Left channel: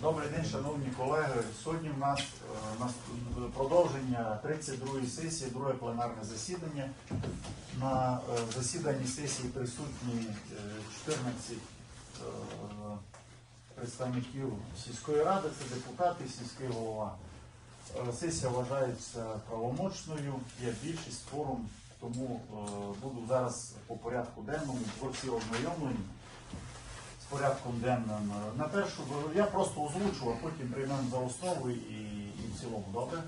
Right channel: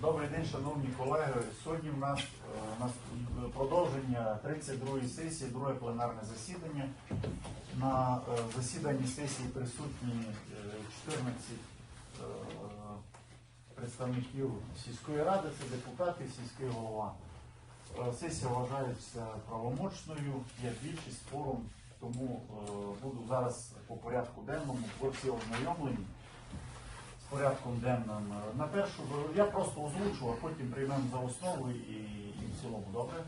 Добрий день, шановні колеги. Сьогодні е, у нас продовження 32-ї сесії, друге пленарне засідання. На е, засіданні сесії присутні е, 14 е, представників сільської ради, це депутати, сільський голова. Сесія вважається правомочною, є більшість форум, тому буду зараз по порядку денному, всі ознайомлені порядком денним. На першу я просто озвучу, а потім приймемо за основу і, і в цілому. Добре?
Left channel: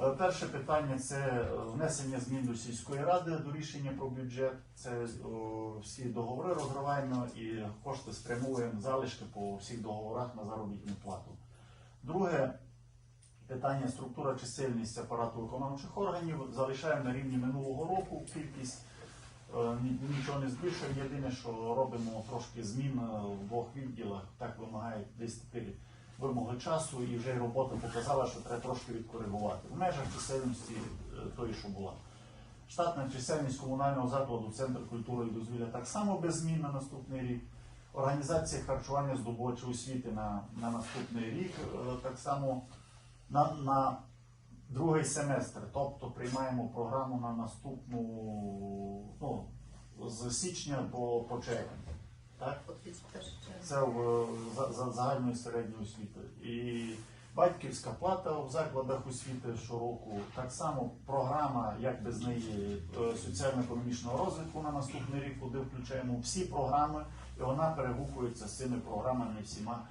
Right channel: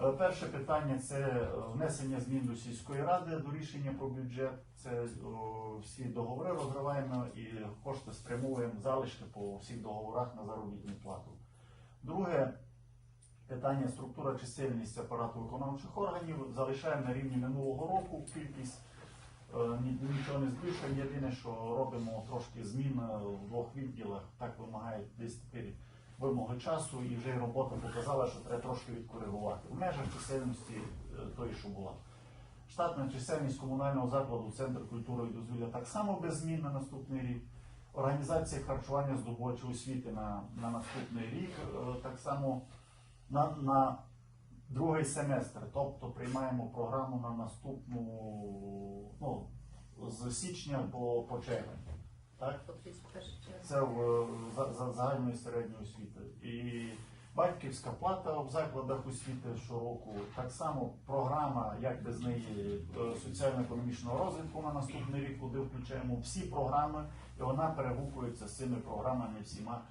Е, Перше питання це внесення змін до сільської ради до рішення про бюджет. Це е, всі договори розриваємо і кошти спрямуємо залишки по всіх договорах на заробітну плату. Друге питання структура чисельність апарату виконавчих органів. Залишаємо на рівні минулого року кількість. Е, ні- Нічого не збільшуємо. Єдине, що робимо трошки змін е, в двох відділах. Так вимагає десь тепер вимоги часу, і вже й робота показала, що треба трошки відкоригувати. В межах чисельності е, тої, що була. Штатна чисельність комунального закладу Центр культури і дозвілля так само без змін на наступний рік. Організація харчування здобувачів освіти на, на наступний рік так само на, на другий семестр. Тобто приймаємо програму на наступну ну, з січня по, по червень. Так? По 31 червня. Це в за, за загальної середньої освіти. І батьківська плата в закладах освіти щороку. Так само програма, як без неї, е, соціально-економічного розвитку на наступний рік, куди включаємо всі програми, і вона перегукується з цими програмами всіма,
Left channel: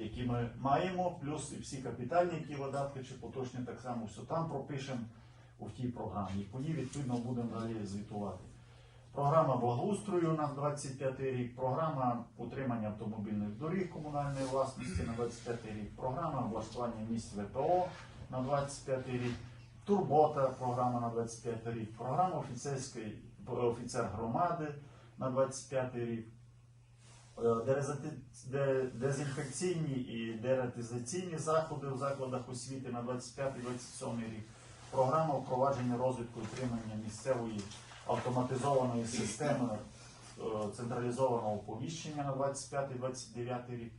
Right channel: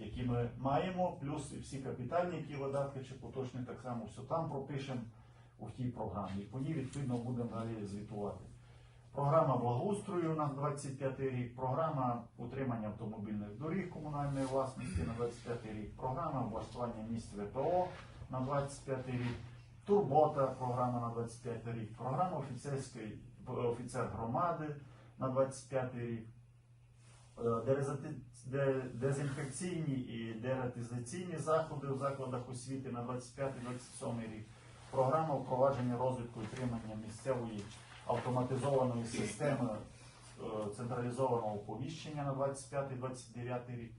які ми маємо, плюс всі капітальні які видатки чи поточні, так само все там пропишемо у тій програмі. І ній відповідно будемо далі звітувати. Програма благоустрою на 25 рік, програма утримання автомобільних доріг комунальної власності на 25 рік, програма влаштування місць ВПО на 25 рік, турбота програма на 25 рік, програма офіцерської офіцер громади на 25 рік, дезінфекційні і дератизаційні заходи у закладах освіти на 25-27 рік, програма впровадження розвитку і утримання місцевої автоматизованої системи е, централізованого оповіщення на 25-29 рік,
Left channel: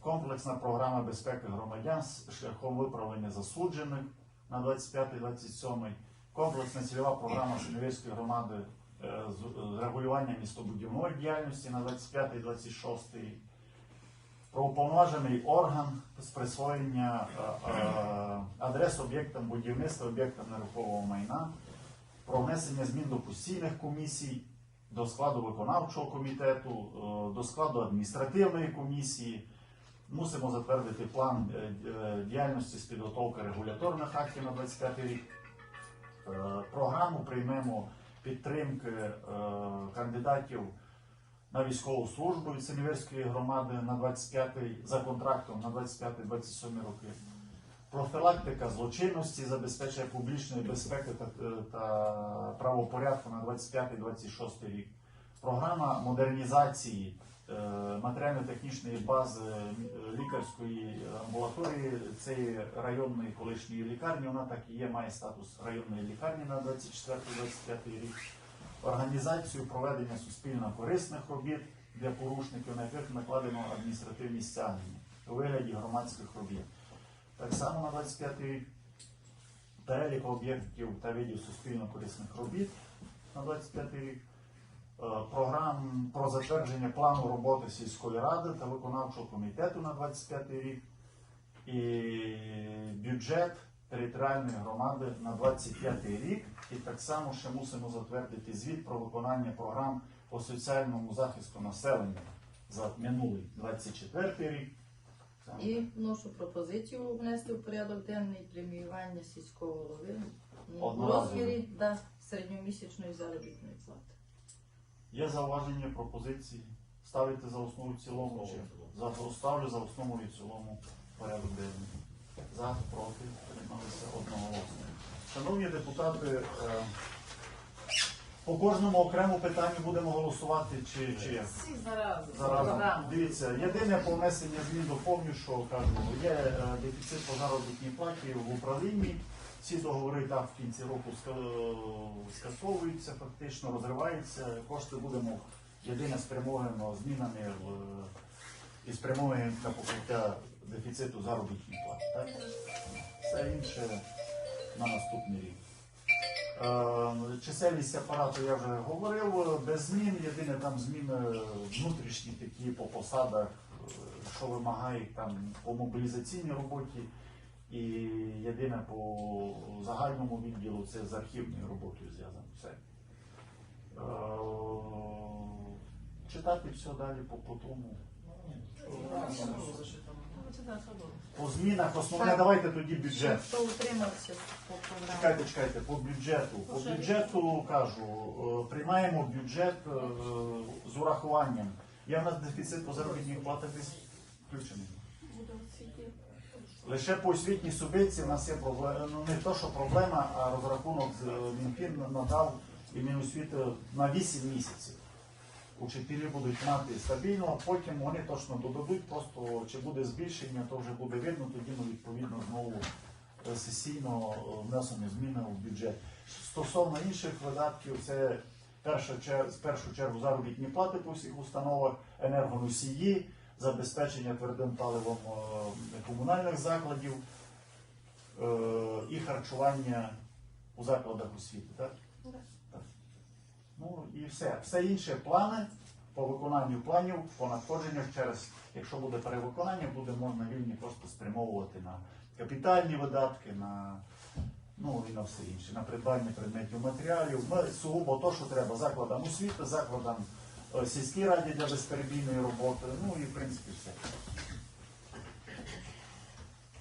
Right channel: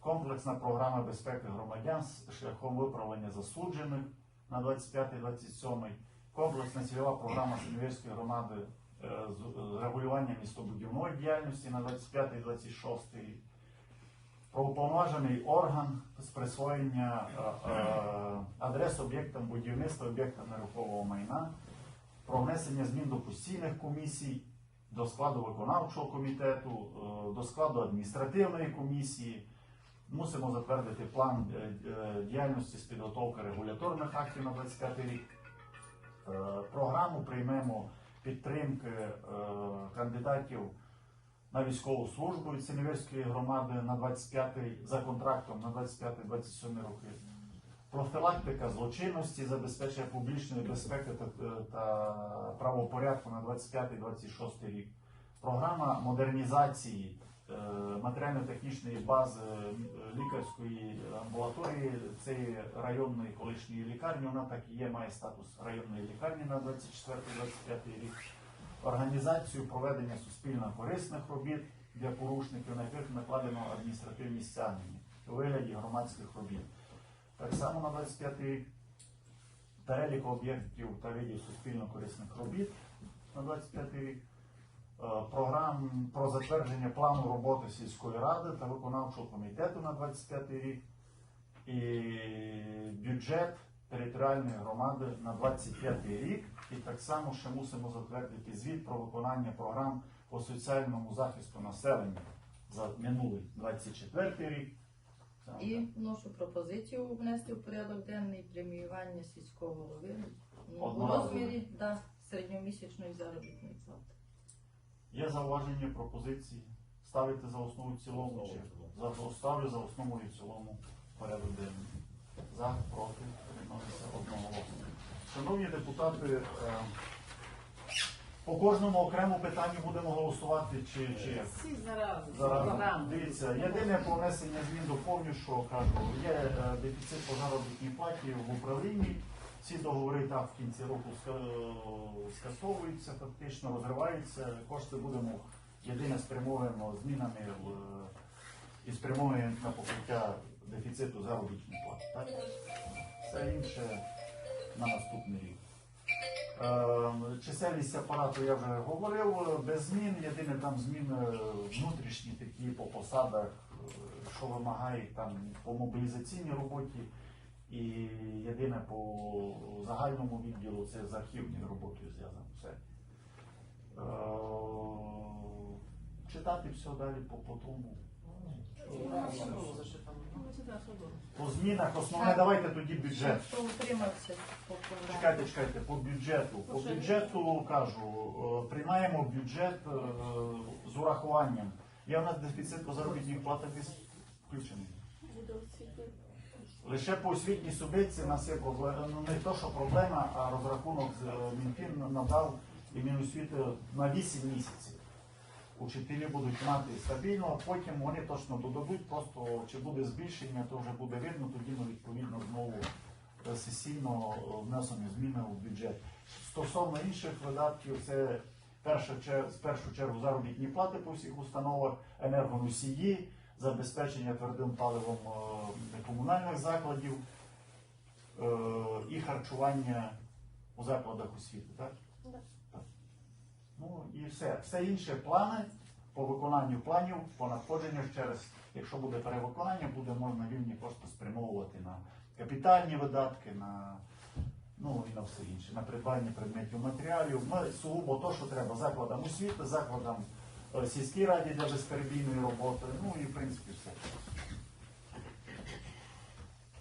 комплексна програма безпеки громадян з шляхом виправлення засуджених на 25-27, комплексна цільова програма Синевірської громади е, з регулювання містобудівної діяльності на 25-26 рік. Про уповноважений орган з присвоєння е, е, адрес об'єктам будівництва, об'єктам нерухомого майна, про внесення змін до постійних комісій, до складу виконавчого комітету, е, до складу адміністративної комісії. Мусимо затвердити план діяльності з підготовки регуляторних актів на 25 рік. Програму приймемо підтримки е, кандидатів на військову службу від Синівецької громади на 25 за контрактом на 25-27 роки. Профілактика злочинності, забезпечення публічної безпеки та, та правопорядку на 25-26 рік. Програма модернізації е, матеріально-технічної бази е, лікарської амбулаторії цієї районної колишньої лікарні. Вона так і є, має статус районної лікарні на 24-25 рік. Організацію проведення суспільно корисних робіт для порушників, на яких накладено адміністративні стягнення у вигляді громадських робіт. Так само на 25 рік перелік об'єктів та видів суспільно корисних робіт на 25 рік. Е, Програм про затвердження плану роботи сільської ради та виконавчого комітету на 25 рік і бюджет територіальної громади на 25 рік. І так само ще мусимо затвердити звіт про виконання програм по соціальному захисту населення за минулий 24 рік. І вношу пропозицію внести в порядок денний преміювання сільського голови Одноразово. розмірі да, середньомісячної заробітної плати. Є зауваження, пропозиції? Ставити за основу в цілому чи за ставлю за основу і в цілому порядок денний. За, проти, приймалися одноголосно. Шановні депутати, е, по кожному окрему питанню будемо голосувати чи, чи як? Зараз дивіться, єдине по внесення змін доповню, що кажу, є е, дефіцит по заробітній платі в управлінні. Ці договори так в кінці року скасовуються, фактично розриваються. Кошти будемо єдине спрямовано змінами в і спрямуємо на покриття дефіциту заробітної плати. Все інше на наступний рік. Е, Чисельність апарату я вже говорив, без змін, єдине там зміни внутрішні такі по посадах, е, що вимагають там по мобілізаційній роботі, і єдине по загальному відділу це з архівною роботою зв'язано все. Е, Читати все далі по, по тому. По змінах основне, давайте тоді бюджет. Хто утримався по програмі? Чекайте, чекайте, по бюджету. По бюджету кажу, е, приймаємо бюджет е, з урахуванням. Є в нас дефіцит по заробітній плати десь включений. Лише по освітній субвенції в нас є проблема. Ну не то, що проблема, а розрахунок е, Мінфін надав і Міносвіти на 8 місяців. Учителі будуть мати стабільно, потім вони точно додадуть, просто чи буде збільшення, то вже буде видно, тоді ми відповідно знову е, сесійно е, внесемо зміни в бюджет. Стосовно інших видатків, це перша з першу чергу заробітні плати по всіх установах, енергоносії, забезпечення твердим паливом е, комунальних закладів е, і харчування у закладах освіти. Так? Так. Ну і все. Все інше плани по виконанню планів, по надходженнях через, якщо буде перевиконання, буде можна вільні просто спрямовувати на капітальні видатки, на ну і на все інше, на придбання предметів матеріалів. Сугубо то, що треба закладам освіти, закладам е, сільській раді для безперебійної роботи. Ну і в принципі все.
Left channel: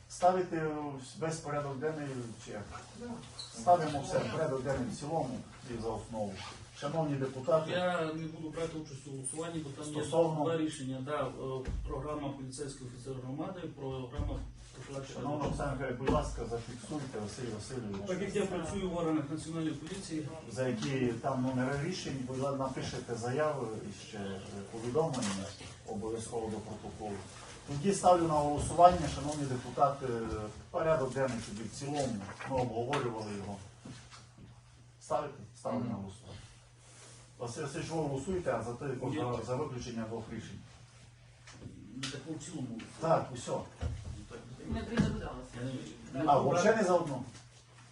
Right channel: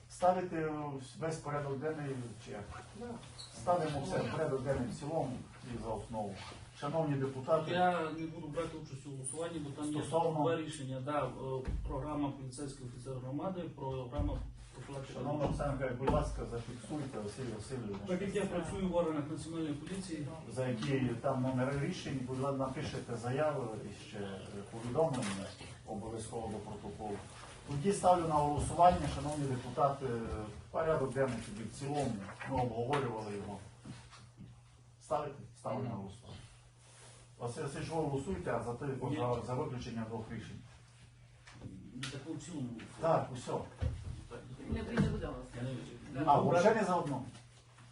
Ставити весь порядок денний чи як? Ставимо все в порядок денний в цілому і за основу. Шановні депутати, Я не буду брати участь у голосуванні, бо там є два рішення. Да, е, програма поліцейський офіцер громади, програма. Шановна Михайлівна, будь ласка, зафіксуйте Василь Васильович. Так як я працюю в органах національної поліції, за які там номери рішень, будь ласка, напишете заяву і ще повідомлення обов'язково до протоколу. Тоді ставлю на голосування, шановні депутати, порядок денний тоді в цілому. Ми обговорювали його. Ставите? Ставлю на голосування. Василь Васильович, ви голосуєте, а за, те, за, за виключення двох рішень. не таку Я не- не А, взагалі не за одну.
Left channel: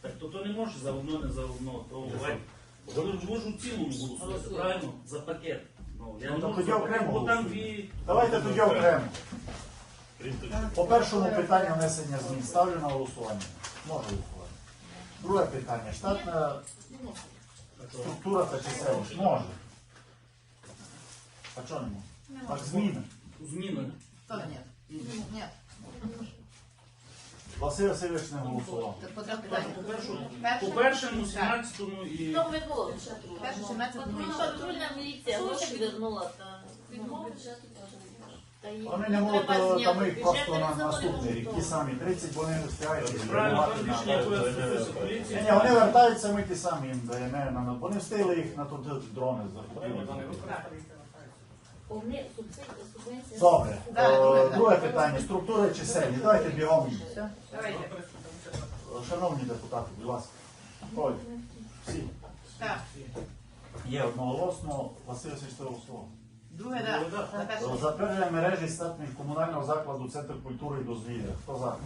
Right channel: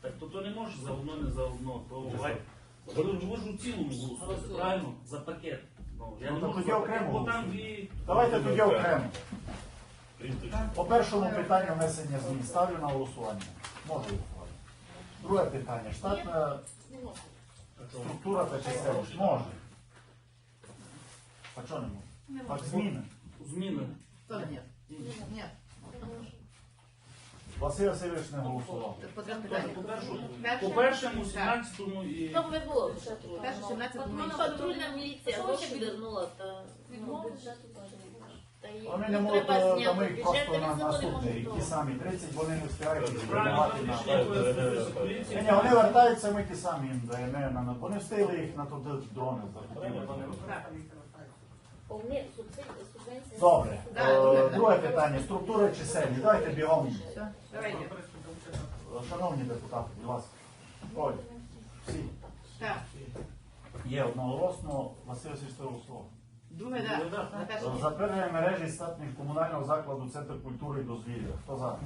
Так, то то не може за одно, не за одно. То Вань, ви ж у цілому голосуєте, правильно? За пакет. Ну, я Ну, не то можу тоді за пакет, окремо бо там дві. Давайте тоді окремо. По першому питанню внесення змін ставлю на голосування. Можу голосувати. Друге питання. Штатна структура та чисельність. Може. А чого не може? Так, зміни. Зміни. Ні? Ні. Василь Васильович не голосував. По питанням. По першому, Перше. по першому, 17-му і. Там не було ще Перше, 17 От воно патрульна міліція гроші вернула, то ну, Відмови? бюджету теж не було. Та й Вони не можуть, треба то зняти ми бюджет, просто на наступний рік. Ті самі 30, вони не встигають Правильно, приймати ваше на. рішення, Ні, поліції. ні, вони вертаються, ми ті самі їм даємо. Вони встигли їх на туди дрони закупили. Добре. Е, друге. Питання. Структура чисельні. Давайте бігом. Шановні депутати, будь ласка. Оль, всі. Так. Є одноголосно. Василь Сільського слово. Друге, так. На мережі статних комунального закладу Центр культури і дозвілля. Хто за?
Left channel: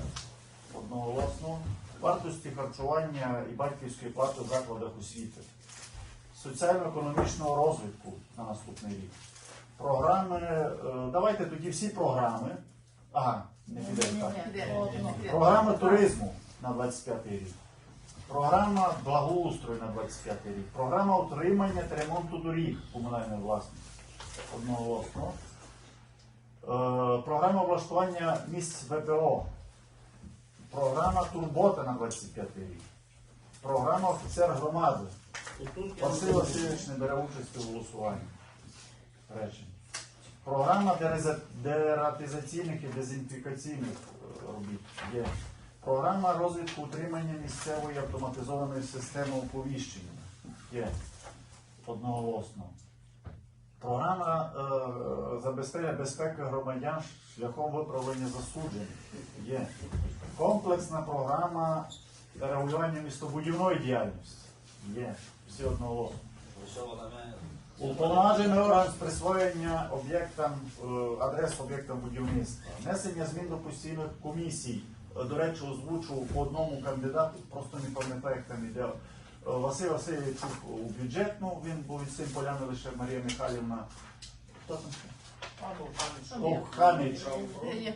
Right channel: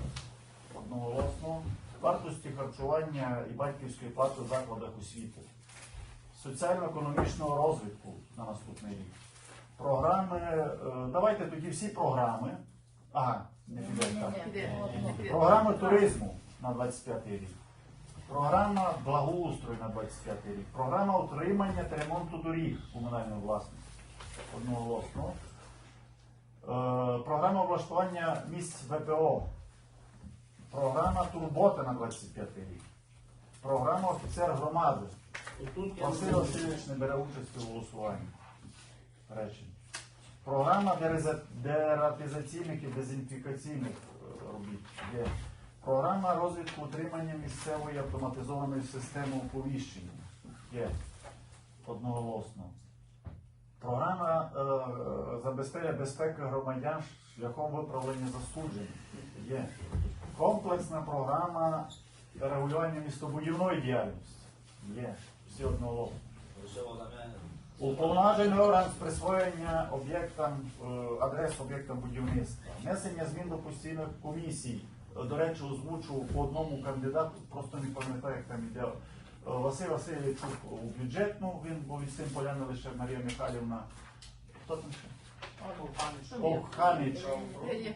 Одноголосно. Вартості харчування і батьківської плати в закладах освіти. Соціально-економічного розвитку на наступний рік. Програми. е, Давайте тоді всі програми. Ага, не піде так. Піде. Програма туризму на 25 рік. Програма благоустрою на 25 рік. Програма утримання та ремонту доріг комунальної власності. Одноголосно. Е, програма облаштування місць ВПО. Програма турбота на 25 рік. Програма офіцер громади. Василь Васильович не бере участі у голосуванні. Речень. Програма дератизаційних і дезінфікаційних е, робіт є. Програма розвитку утримання місцевої автоматизованої системи оповіщення є одноголосно. Програма е, забезпечення безпеки громадян шляхом виправлення засуджень є. Комплексна програма регулювання містобудівної діяльності є. Всі одноголосно. Уповноважений орган з присвоєння об'єктам, е, адрес об'єктам будівництва, внесення змін до постійних комісій. Е, До речі, озвучував по одному кандидату, просто не пам'ятаю, як там іде. Е, Василь Васильович у бюджетну, він був від Сим Поляновича Марія Михайлівна. Хто там? Хаміч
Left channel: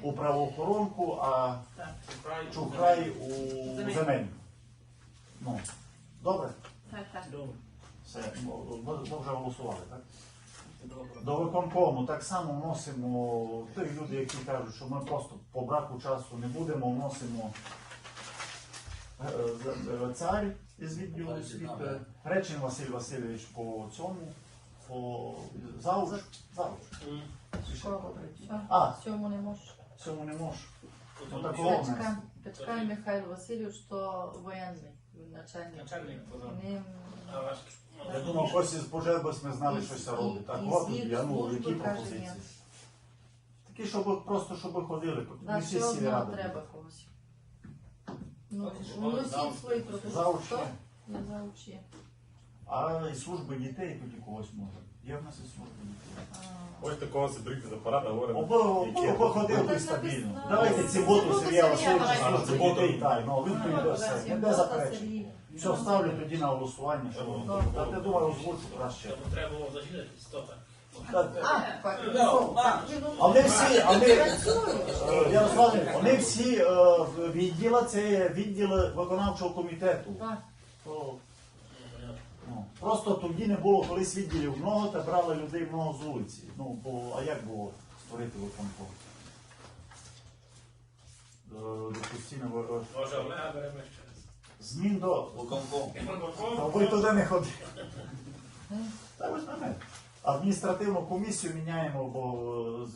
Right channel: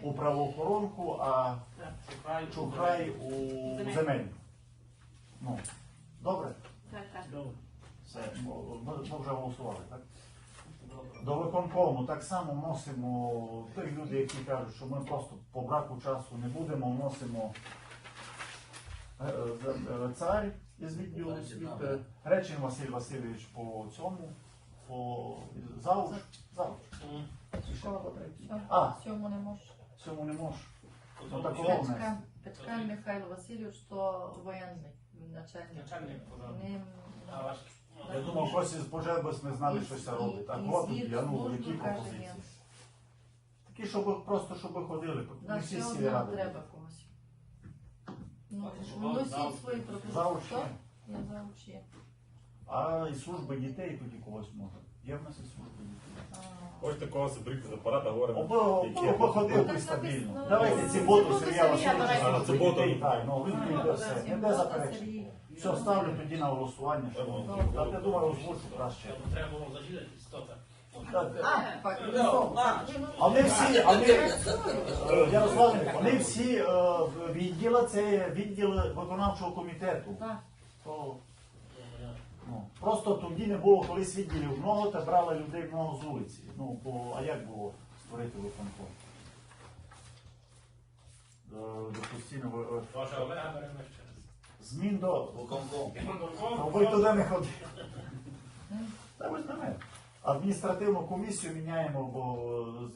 у правоохоронку, а Чухрай у земельну. Ну, добре, Добре. Все, ми, ми вже голосували, так? До виконкому так само вносимо тих людей, які кажуть, що ми просто по браку часу не будемо, вносимо е, е, цар із відділу освіти, Речин Василь Васильович по цьому, по третій? А, цьому не можеш. цьому не можу. Ну, Петька Михайло Васильович, то воєнний начальник. Начальник, А ваш? Я думав, когось із пожежбез не знали, що це робить. Так І от я ну, які пропозиції. Такі, щоб просто щоб ходили, не всі нам ради. треба когось. Ну, свої пропозиції. Я завуч є. А і служби дітей тоді когось може. Є в нас і служби дітей. Ось такого соберіть з апарата, говоримо. Оби ходили стабільно. Давайте ці боту Ну, Сергія це Васильовича я служби давайте. дітей. Ну він прийде все. Не де заперечення. Все, ставлю тоді на голосування, що воно. Так, я думаю, озвучу краще. Щоб треба було зажідати, сто так. Так, А, так, Ну, ну, Вони всі, ми, працюють. Е, вони всі е, відділи це відділи виконавчого комітету. То, ну, просто тоді не було колись відділів много, та брали людей много з вулиці. Ну, бо, а як було створити виконком? До, до постійного е, Може, Олега беремо ще раз. Змін до. Виконком. Ну, ви туди не ходите. Та ви мене. Адміністративну комісію міняємо, бо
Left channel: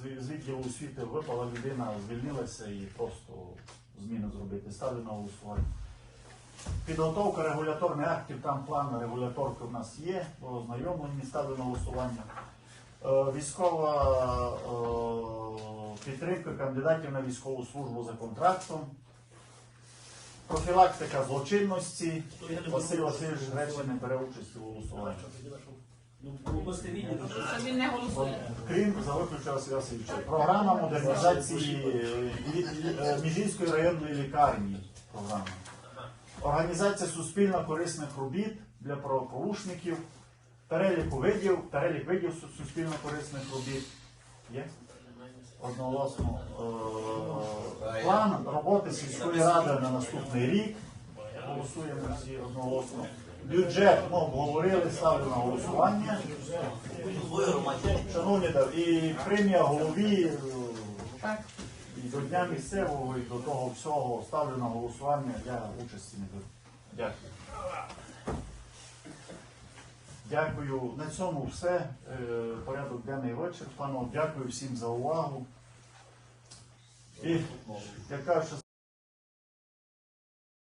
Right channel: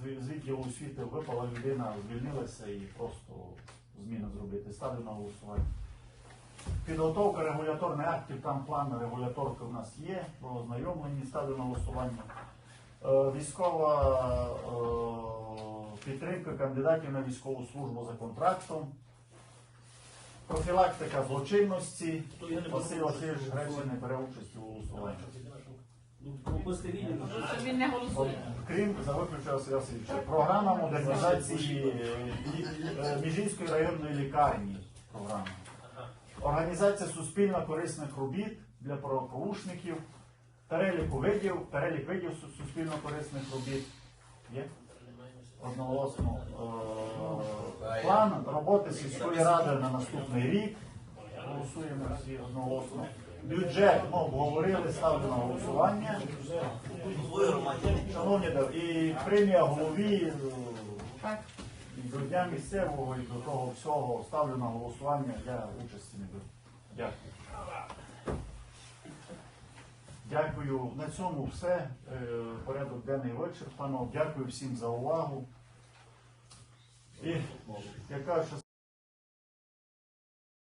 е, з відділу освіти випала людина, звільнилася і просто зміни зробити. Ставлю на голосування. Підготовка регуляторних актів, там план регуляторки у нас є, ознайомлені, ставлю на голосування. Е, Військова е, підтримка кандидатів на військову службу за контрактом. Профілактика злочинності. Василь Васильович Гречий не бере участь у голосуванні. Ну. Він не голосує. Крім за виключення Василя Васильовича. Програма модернізації е, е, Міжинської районної лікарні. Програма. Організація суспільно корисних робіт для правопорушників. Перелік видів, перелік видів су- суспільно корисних робіт. Є? Одноголосно. Е, План роботи сільської ради на наступний рік. Голосуємо всі одноголосно. Бюджет ми обговорили, ставлю на голосування. Шановні, і премія голові е, і до дня місцевого, і до того всього ставлю на голосування, я участі не беру. Дякую. Дякую. На цьому все. Е, Порядок денний вичерпано. Дякую всім за увагу. І я кажу, що